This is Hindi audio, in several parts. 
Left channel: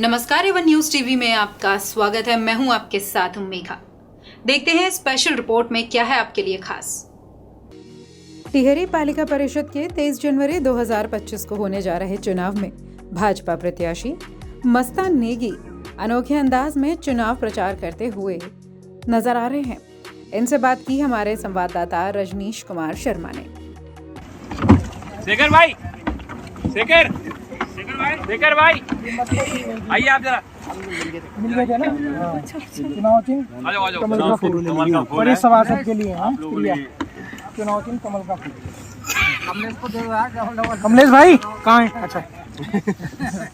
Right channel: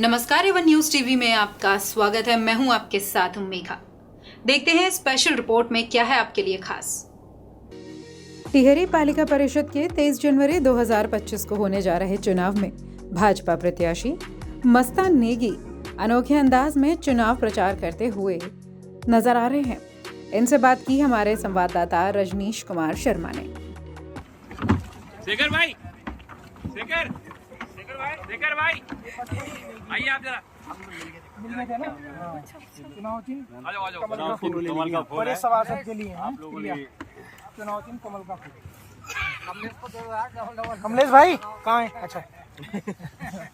नमस्कार, एवन न्यूज टीवी में आपका स्वागत है। मैं हूं आपके साथ मेघा। देखते हैं स्पेशल रिपोर्ट में क्या है आपके लिए खास। टिहरी पालिका परिषद के 23 जनवरी 2025 को होने जा रहे चुनाव में भाजपा प्रत्याशी मस्तान नेगी अनोखे अंदाज में चुनाव प्रचार करते हुए नजर आ रहे हैं। इनसे बात की हमारे संवाददाता रजनीश कुमार शर्मा ने। शेखर भाई आइए आप जरा मिल गए थे ना। चुनाव चिन्ह कमल का फूल बड़े सभासद के लिए हैं। क्रिया चुनाव चिन्ह कमल का फूल। कमलेश भाई कहाँ है? अच्छा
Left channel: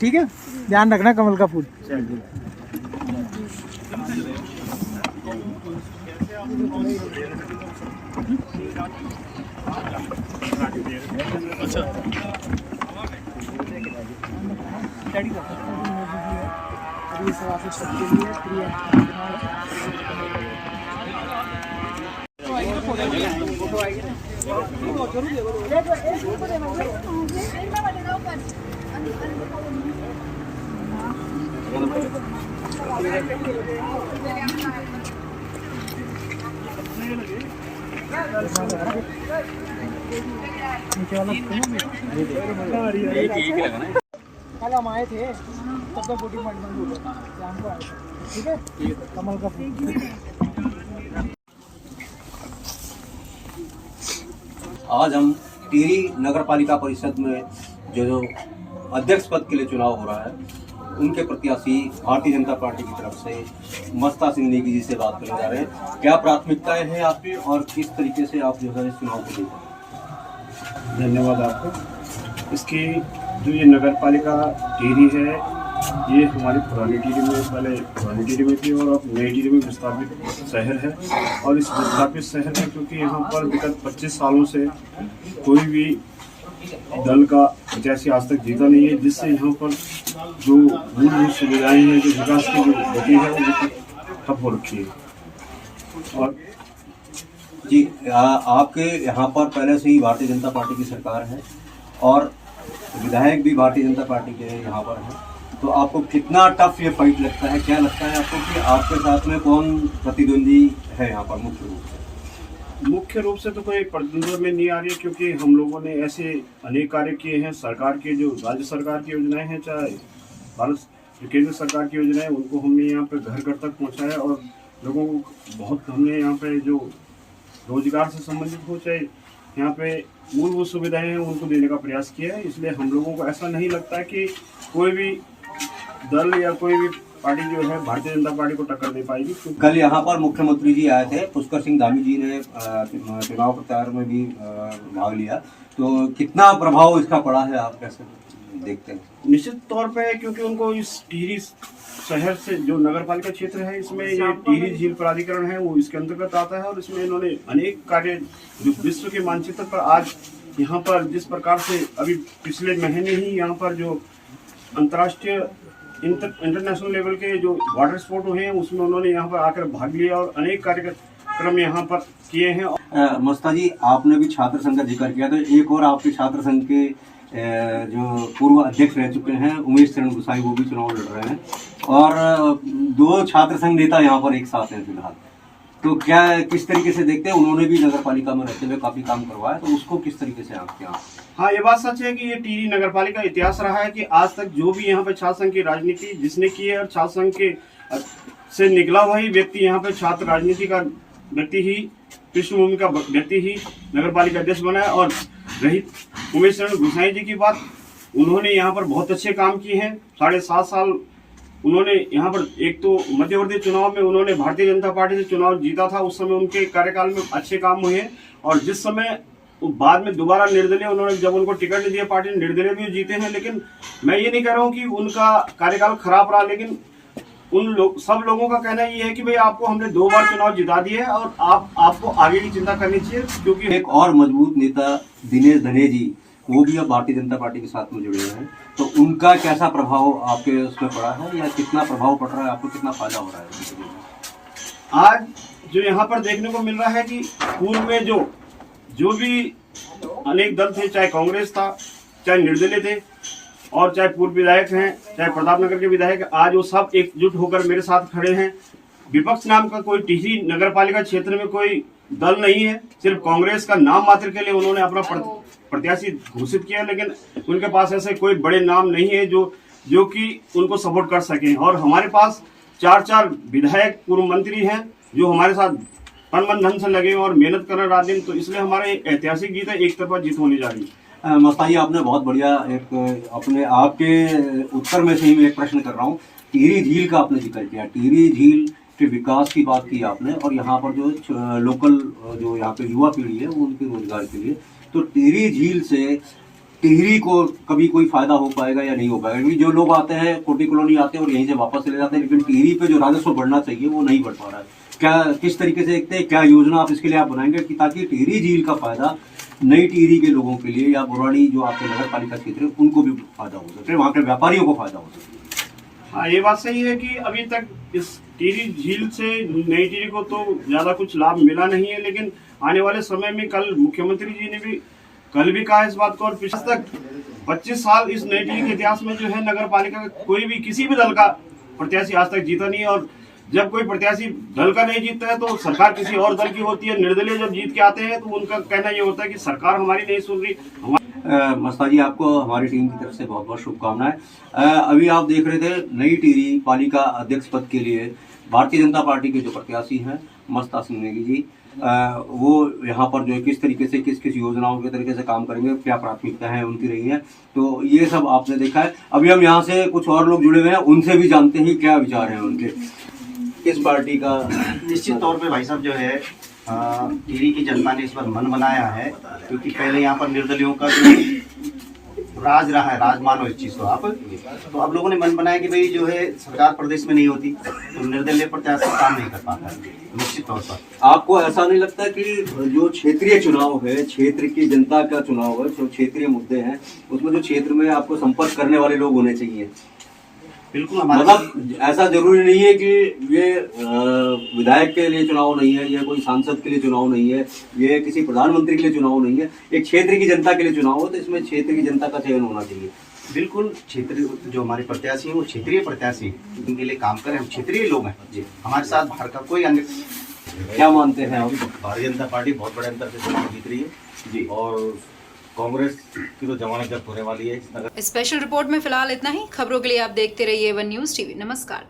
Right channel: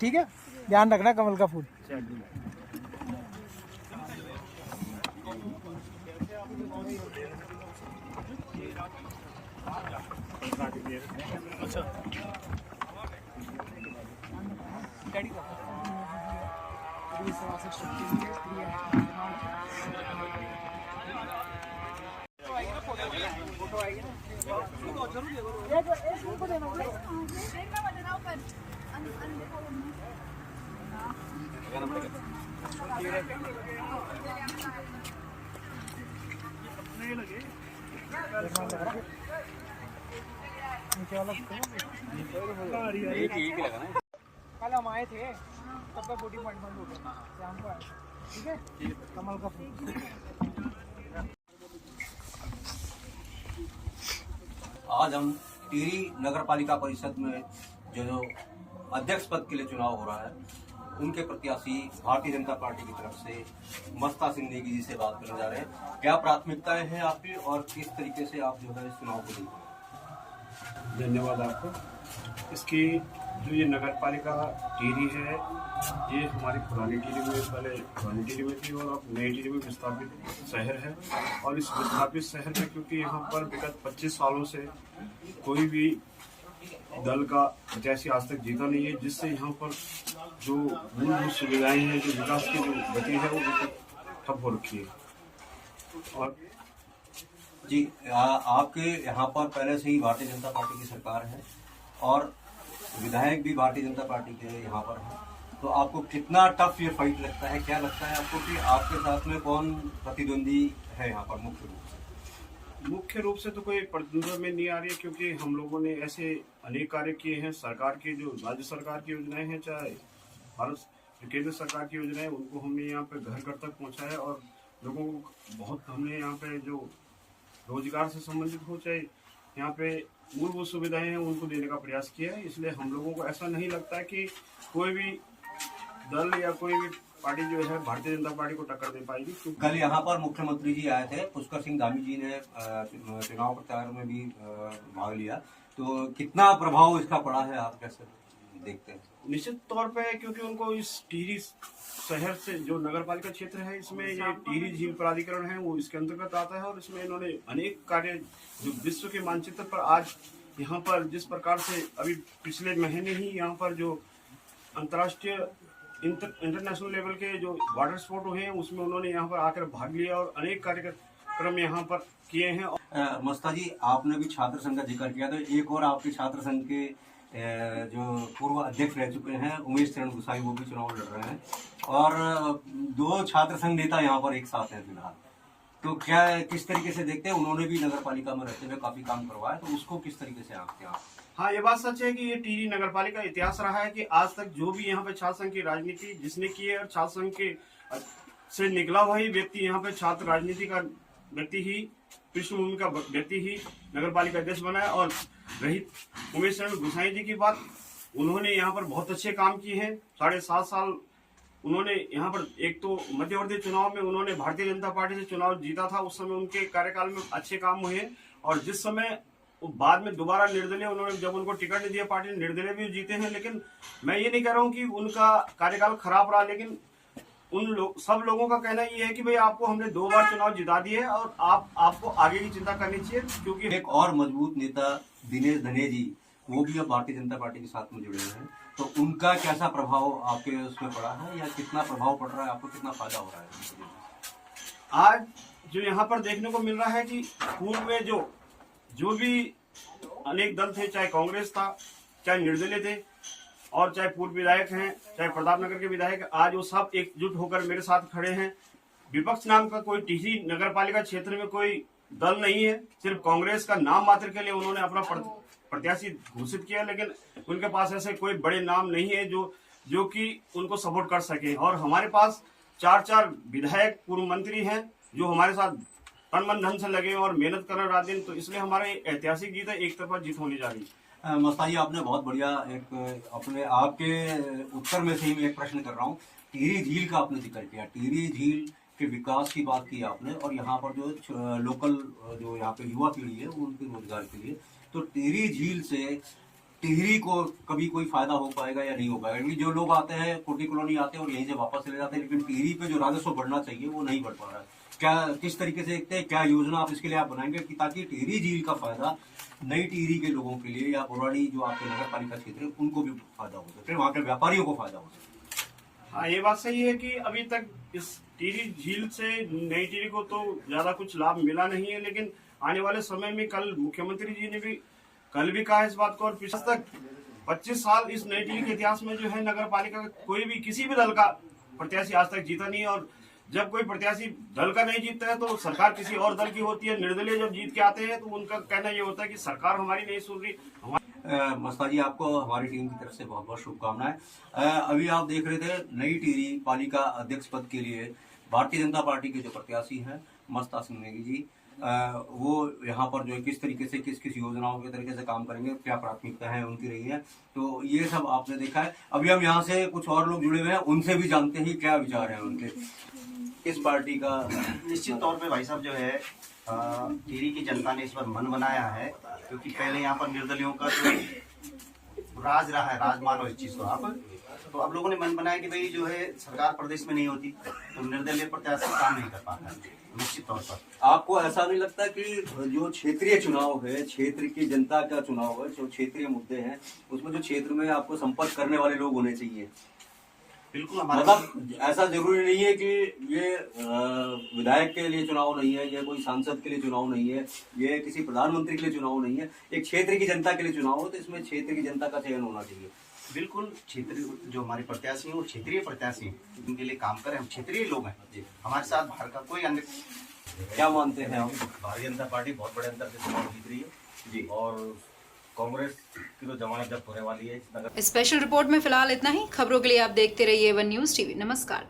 ठीक है, ध्यान रखना कमल का फूल। कल हम आए थे तब तक वोटिंग पॉइंट बंद हो गया, शाम को आए थे। ठीक है, कमल का फूल। आज हम टिहरी नगर पालिका परिषद में जो अध्यक्ष पद के लिए चुनाव हो रहा है, उनके प्रत्याशी भारतीय जनता पार्टी की तरफ से मस्ता सिंह नेगी जी से बात करने जा रहे हैं। क्या प्राथमिकताएं हैं आपकी और किस तरीके से आप जो है इस चुनाव को देखते हैं? धन्यवाद आपको। इसकी जो ये नगर पालिका टिहरी है, ये हमारी पुरानी टिहरी में, पहले पुरानी टिहरी में थी और अब नई टिहरी में विस्थापित शहर है। और इस विस्थापित शहर में क्योंकि यहाँ पर विगत 25 सालों से कोई भी दल का प्रत्याशी आज तक जीता नहीं है, जिससे यहाँ पर जो मूलभूत सुविधाएं हैं, जो विकास की जो गति है, वो ठप हो रखी है। और जी, आपके यहाँ पर पहले से ही भारतीय जनता पार्टी की सरकार है और विधायक भी भारतीय जनता पार्टी के यहाँ पर है, तो आपको कितना टफ ये फाइट लगता है? क्या लगता है आपको कि आपके साथ में कौन प्रतिद्वंदी है यहाँ पर मुख्य रूप से? मुख्य रूप से तो कोई प्रतिद्वंद में नहीं आ रही है, क्योंकि हम लोगों ने ऐसे अनेक कार्य किए हैं। सरकार के जो राज्य सरकार की योजनाएं हैं, चाहे भारत जो केंद्र सरकार की योजनाएं, उनको हमने यहाँ पे घर घर तक पहुँचाया और लोगों को बहुत हमने यहाँ पे जो रोजगार से संबंधित हो, चाहे यहाँ पे मूलभूत सुविधाएं हैं, उनको देने का प्रयास किया है। इसलिए हम लोगों को ऐसा नहीं लगता कि कोई भी दल या कोई भी पार्टी जो है भारतीय जनता पार्टी को टक्कर दे पाएगी। कल यहाँ पर मुख्यमंत्री जी आए थे, पुष्कर सिंह धामी जी ने चुनाव प्रचार में भी भाग लिया, तो कितना प्रभाव इसका पड़ा है, आप कैसे देखते हैं? निश्चित तौर पे, क्योंकि उनको इस टिहरी शहर से जो नगर पालिका क्षेत्र है, इसमें ये टिहरी झील प्राधिकरण है, वो इसके अंतर्गत आता है। और इसमें इन्होंने अनेक कार्य जो विश्व के मानचित्र पर आज यहाँ पर जिस प्रकार से अभी पिछले महीने ही यहाँ पर जो अंतर्राष्ट्रीय इंटरनेशनल लेवल के जो वाटर स्पोर्ट हुए हैं, उसमें उन्होंने यहाँ पर आकर भाग लिया और अनेक कार्यक्रम यहाँ पर किए हैं। मस्ता जी, आपने भी छात्र संघ का जिक्र किया, तो एक और आपके छात्र संघ के जो पूर्व अध्यक्ष रह चुके हैं उमेश चरण गुसाई, वो भी चुनाव लड़ रहे हैं और 2 छात्र संघ नेता यहाँ पर एक साथ हैं फिलहाल। तो क्या किस तरीके से देखते हैं? उन्होंने भी नगर पालिका में रहते हुए काफी काम करवाया, तो उसको किस तरीके से आपके यहाँ? हाँ, ये बात सच है कि ये टिहरी नगर पालिका इतिहास रहा है कि आज तक जो भी यहाँ पे छात्र संघ की राजनीति जिसने की है, और छात्र संघ के से निकला हुआ ही व्यक्ति यहाँ पे छात्र राजनीति का व्यक्ति ही, पृष्ठभूमि का व्यक्ति ही नगर पालिका अध्यक्ष बना है। और रही उमेश चरण गुसाई जी की बात, उन्होंने यहाँ पर बहुत अच्छे काम किए हैं। 7.5 साल उन्होंने यहाँ पर, एक तो मध्यवर्ती चुनाव में उन्होंने भारतीय जनता पार्टी से चुनाव जीता था, उस समय उनके कार्यकाल में अच्छे काम हुए हैं। और जिस समय बाद में दोबारा निर्दलीय उन्होंने, जब उनको टिकट नहीं दिया पार्टी ने, निर्दलीय भी जीते हैं। लेकिन मैं ये नहीं कह रहा हूँ कि उनका कार्यकाल खराब रहा, लेकिन सब लोगों का कहना ये है कि भाई आपको हमने 2 बार चुनाव जिता दिए है और आपको आगे की चिंता करनी चाहिए। क्योंकि एक और मजबूत नेता दिनेश धने जी, वो भी अब भारतीय जनता पार्टी के साथ में जुड़े हुए हैं, तो उनका कैसा प्रभाव आपके उसमें पड़ा है या कितना प्रभाव पड़ रहा है, आपको कितना फायदा हो रहा है? आज जो यहाँ पर देखने को मिल रहा है कि पूर्व में जो भी अनेक दल थे, चाहे कांग्रेस था चाहे निर्दलीय थे, और चाहे पूर्व विधायक हैं, चाहे प्रतापनगर के विधायक, आज वो सब एकजुट होकर मेरे साथ खड़े हैं। विपक्ष नाम का कोई टिहरी नगर पालिका क्षेत्र में कोई दल नहीं है, सिर्फ कांग्रेस का नाम मात्र के लिए उन्होंने अपना प्रत्याशी घोषित किया, लेकिन उनके पास ऐसे कोई बड़े नाम नहीं है जो कि उनको सपोर्ट कर सके। और हमारे पास 4 विधायक पूर्व मंत्री हैं जो हमारे साथ तन मन धन से लगे और मेहनत कर रहे रात दिन, तो इसलिए हमारे ऐतिहासिक जीत है, एक तरफा जीत होने जा रही है। मस्तान जी, आपने बहुत बढ़िया एक अपने आपके उत्तर में से ही मैं एक प्रश्न कर रहा हूँ। टिहरी झील का आपने जिक्र किया, टिहरी झील के विकास की बात की आपने, और यहाँ पर जो लोकल जो यहाँ पे युवा पीढ़ी है उनके रोजगार के लिए, तो टिहरी झील से टिहरी को कभी कोई फायदा हो पाएगा या नहीं हो पाएगा? क्योंकि जो लोग आते हैं कोटी कॉलोनी आते हैं और यहीं से वापस चले जाते हैं, लेकिन टिहरी पे जो राजस्व बढ़ना चाहिए वो नहीं बढ़ पा रहा है। क्या किस तरीके से देखते हैं, क्या योजना आप इसके लिए आप बनाएंगे कि ताकि टिहरी झील का फायदा नई टिहरी के लोगों के लिए या बुराड़ी जो आपके नगर पालिका क्षेत्र है उनको भी फायदा हो सके, वहाँ के व्यापारियों को फायदा हो सके? हाँ, ये बात सही है कि अभी तक इस टिहरी झील से नई टिहरी को तो ज्यादा कुछ लाभ मिला नहीं है, लेकिन आने वाले समय में कल मुख्यमंत्री जी ने भी कल भी कहा इस बात को, और पिछले तक 25 साल इस नई टिहरी के इतिहास में जो है नगर पालिका का कोई भी किसी भी दल का प्रत्याशी आज तक जीता नहीं है। और जब कोई प्रत्याशी दल का नहीं जीतता है तो सरकार किसी और दल की होती है। निर्दलीय जब जीत के आते हैं तो उनका कहना ये होता है कि सरकार हमारी नहीं सुन रही। मस्तान जी, आपको हमारी टीम की तरफ से बहुत बहुत शुभकामनाएं। अभी आप देख रहे थे नई टिहरी पालिका अध्यक्ष पद के लिए भारतीय जनता पार्टी के जो प्रत्याशी हैं मस्ता सिंह नेगी जी, वो यहाँ पर जो है किस तरीके से किस योजनाओं के तरीके से काम करेंगे, क्या प्राथमिकता है उनकी रही है, तो ये सब आपने देखा है। अभी हम यहाँ से कुछ और लोग जुड़े हुए हैं, उनसे भी जानते हैं क्या विचार हैं उनके इस पार्टी का। निश्चित तौर पे भाई साहब जो है टिहरी की जनता ने इस बार मन बनाया है, क्योंकि पहले यहाँ पर निर्दलियों का जो राज रहा है, राज मानो इस चीज को आप, तो अब लोगों ने मन बनाया कि भाई जो है सरकार प्रदेश में नहीं होती तो निर्दलीय प्रत्याशी काम नहीं कर पाता है। निश्चित तौर पर आपको ऐसा नहीं लगता कि जो क्षेत्रीय चुनाव है, क्षेत्र की जनता का चुनाव है, जो क्षेत्रीय मुद्दे हैं उसमें जो क्षेत्र में आपको संपर्क करने वाले लोग होने चाहिए? बिल्कुल हमारा मतलब ऐसा जरूरी नहीं है कि ये विधायक के लिए चुनाव नहीं है, या कोई सांसद के लिए चुनाव नहीं है, ये किसी प्रधानमंत्री के लिए चुनाव नहीं है, एक क्षेत्र की जनता के लिए चुनाव हो, तो इसमें क्षेत्र की जनता का चयन होना चाहिए। बिल्कुल क्षेत्रीय जो हमारे प्रत्याशी हैं वो क्षेत्रीय प्रत्याशी उनके लिए काम करें। हम क्षेत्रीय लोग हैं जी, हमारे साथ बाहर का कोई अन्य। क्या मानते हैं आप? भारतीय जनता पार्टी बहुत बड़े अंतर से चुनाव जीत रही है जी, और कांग्रेस की तो जमानत जब्त होने वाली है। स्पेशल रिपोर्ट में फिलहाल इतना ही। खबरों के लिए आप देखते रहिए वन न्यूज़ टीवी। नमस्कार।